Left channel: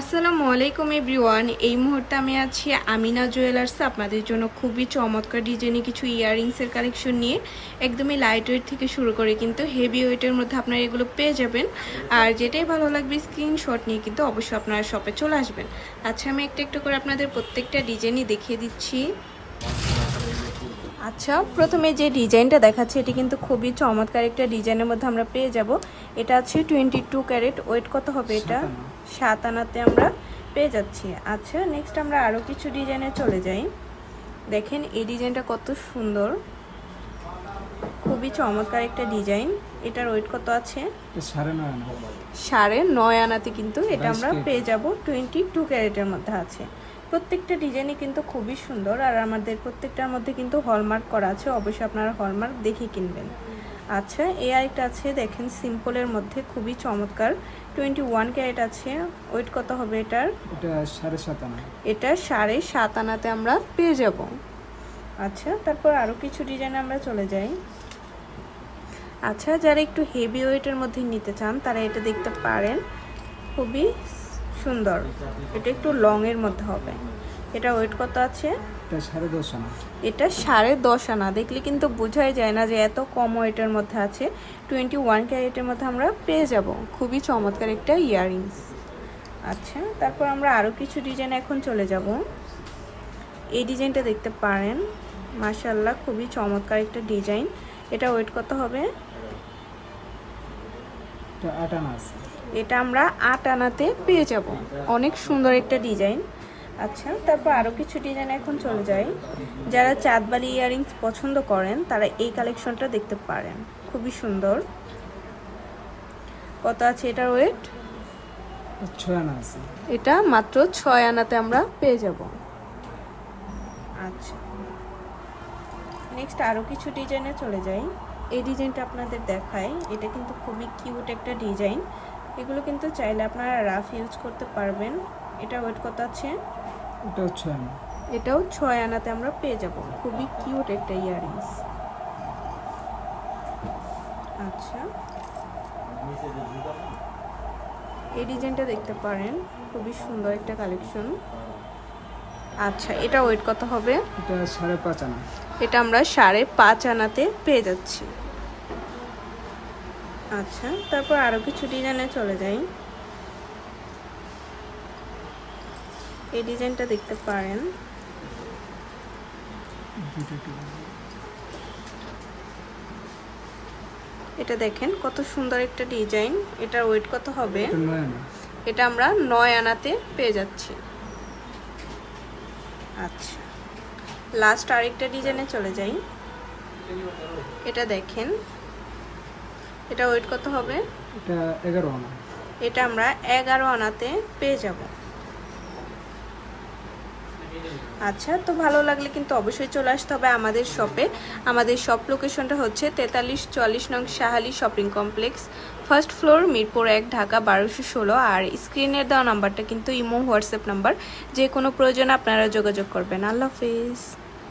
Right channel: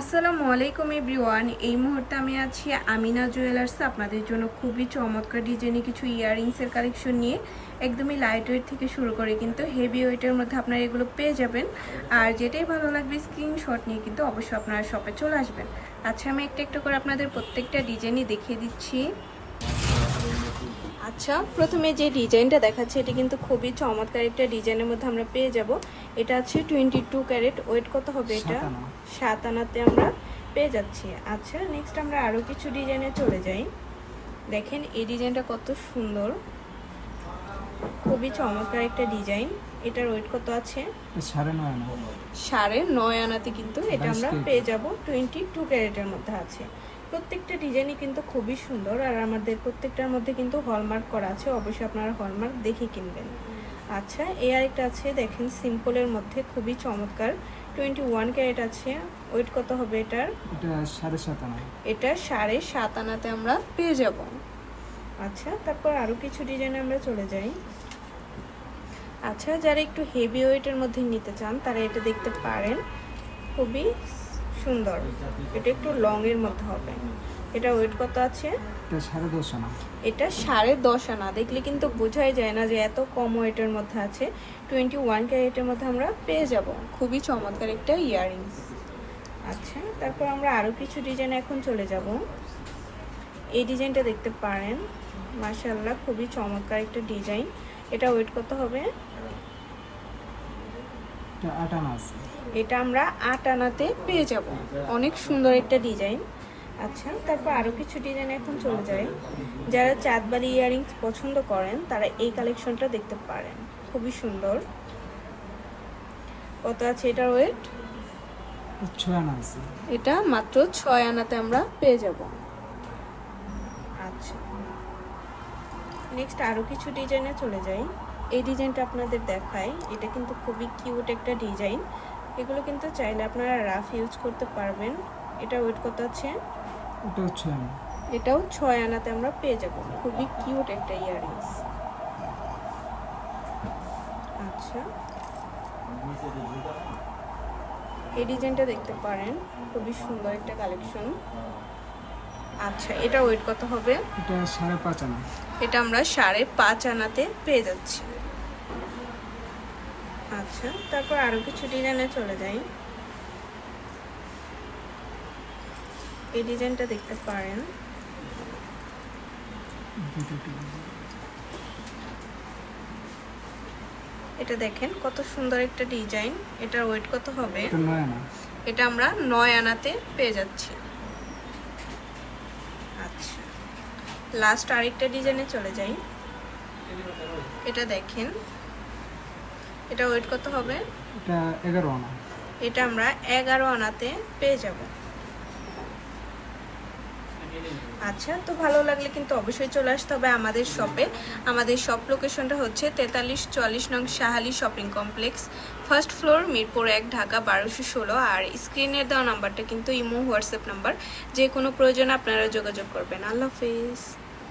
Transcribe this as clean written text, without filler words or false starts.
আসসালামু আলাইকুম এভরিওয়ান। এই মুহূর্তে আমি আছি আমিনা জুয়েলার্সে আপনাদের জন্য খুবই চমৎকার ডিজাইনে কিছু ইয়াররিংসের কালেকশন নিয়ে। একদমই লাইট ওয়েট থেকে শুরু করে কিন্তু হেভি ওয়েটের মধ্যে আপনারা এগুলো পেয়ে যাবেন। আর যেটাই ভালো লাগবে স্ক্রিনশট নিয়ে কিন্তু অবশ্যই আপনারা শপে চলে আসবেন। আচ্ছা, আমি একটা একটা করে আপনাদের প্রত্যেকটা ডিজাইনই দেখিয়ে দিচ্ছি। আচ্ছা, প্রথমে যে ডিজাইনটা দেখাচ্ছে এটি কিন্তু খুবই চমৎকার একটা ডিজাইনের মধ্যে আমরা পেয়ে যাব। এটা আছে 22 ক্যারেট। ওয়েট কত হবে এটা? 7 আনাতে আমরা পেয়ে যাচ্ছি। আচ্ছা, নেক্সট আমরা আরও কিছু ডিজাইনে চলে যাই। দেখেন এই ডিজাইনটা কত সুন্দর, খুবই চমৎকার একটা ডিজাইন। এটার ওয়েট কত আছে? 9.5 আনাতে কিন্তু এটা আমরা পেয়ে যাব। 22 ক্যারেটের মধ্যে আছে। প্রত্যেকটা ডিজাইনই কিন্তু খুবই সুন্দর, আর আমাদের প্রত্যেকটার মধ্যে কিন্তু হলমার্ক করা আছে। অবশ্যই আপনারা হলমার্ক দেখে কিনবেন। আচ্ছা, এই আরেকটা আছে, দেখেন সিম্পলের মধ্যে খুবই চমৎকার। 21 ক্যারেট আছে। ওয়েট কত হবে এটার? এটা 7.5 আনা। এটা 7.5 আনাতে আমরা পেয়ে যাব। আচ্ছা, তারপর আরও কিছু ডিজাইন আমরা চলে যাই। আচ্ছা, যারা একটু হেভি ওয়েটের মধ্যে নিতে চান তারা এটা দেখতে পারেন, খুবই সুন্দর। এটা একটু লং এর মধ্যে হবে। এটা ওয়েট কত আছে? এটা 10.5 আনা। এটা 10.5 আনা। দেখলে কিন্তু বোঝাই যায় না যে এত কম ওয়েটের মধ্যে আছে। 21 ক্যারেটের মধ্যে আমরা পেয়ে যাব। খুবই চমৎকার একটা ইয়াররিংস। আচ্ছা, তারপর আমরা আরও কিছু ডিজাইন এখন চলে যাব। এই ডিজাইনটা দেখতে পারেন, মাশাআল্লাহ খুবই চমৎকার একটা ডিজাইন। এটা ওয়েট কত হবে? এটা 8 আনা আছে। এটা আমরা 8 আনাতে পেয়ে যাব। অনেক সুন্দর একটা ডিজাইন। আচ্ছা, তারপর আরও কিছু ডিজাইন এখন চলে যায়। যারা চাঁদবালি ইয়াররিংস পছন্দ করেন তারা এই কালেকশনটা দেখতে পারেন, খুবই সুন্দর। কত আছে এটার ওয়েট? 6 আনা আছে। এটা মাত্র 6 আনাতে আমরা পেয়ে যাব। আচ্ছা, নেক্সট আরও কিছু ডিজাইনে চলে যাই। এই ডিজাইনটা আপনাদের দেখাই। এটা কিন্তু খুবই কিউট একটা ডিজাইন। এগুলো কিন্তু চাইলে আপনারা রাফ ইউজ করতে পারবেন। এটা ওয়েট কত আছে? এটাও 6 আনা। এটাও 6 আনাতে আমরা পেয়ে যাব। খুবই কিউট একটা ইয়াররিংস। আচ্ছা, এই ডিজাইনটা দেখতে পারেন, খুবই সুন্দর একটা কালেকশন। আচ্ছা, এটা ওয়েট কত হবে? এটা 5.5 আনা। এটা আমরা 5.5 আনাতে পেয়ে যাচ্ছি। আচ্ছা, তারপর আরো কিছু ডিজাইনে চলে যাই। এই ডিজাইনটা দেখতে পারেন। এটা দেখেন কত সুন্দর একটা ডিজাইন। এটা ওয়েট কত হবে? এটা 9 আনা। এটা আমরা 9 আনাতে পেয়ে যাচ্ছি। আচ্ছা, লাস্ট আরেকটা ডিজাইনে চলে যাই। এটা দেখেন, এটা ওয়েট কত হবে? এটা 11 আনা। এটা আমরা 11 আনাতে পেয়ে যাব। আচ্ছা, তো ভালো লাগলে কিন্তু অবশ্যই চলে আসতে হবে আমাদের শপে। আমাদের শপ লোকেশনটা হচ্ছে 4340 নং Shah Ali shopping complex, first floor, Mirpur 1, Dhaka 1216। আর স্ক্রিনে দেওয়া নাম্বারটা কিন্তু ইমো হোয়াটসঅ্যাপ নাম্বার। যে কোনো প্রয়োজনে আপনারা যোগাযোগ করবেন। আল্লাহ হাফিজ।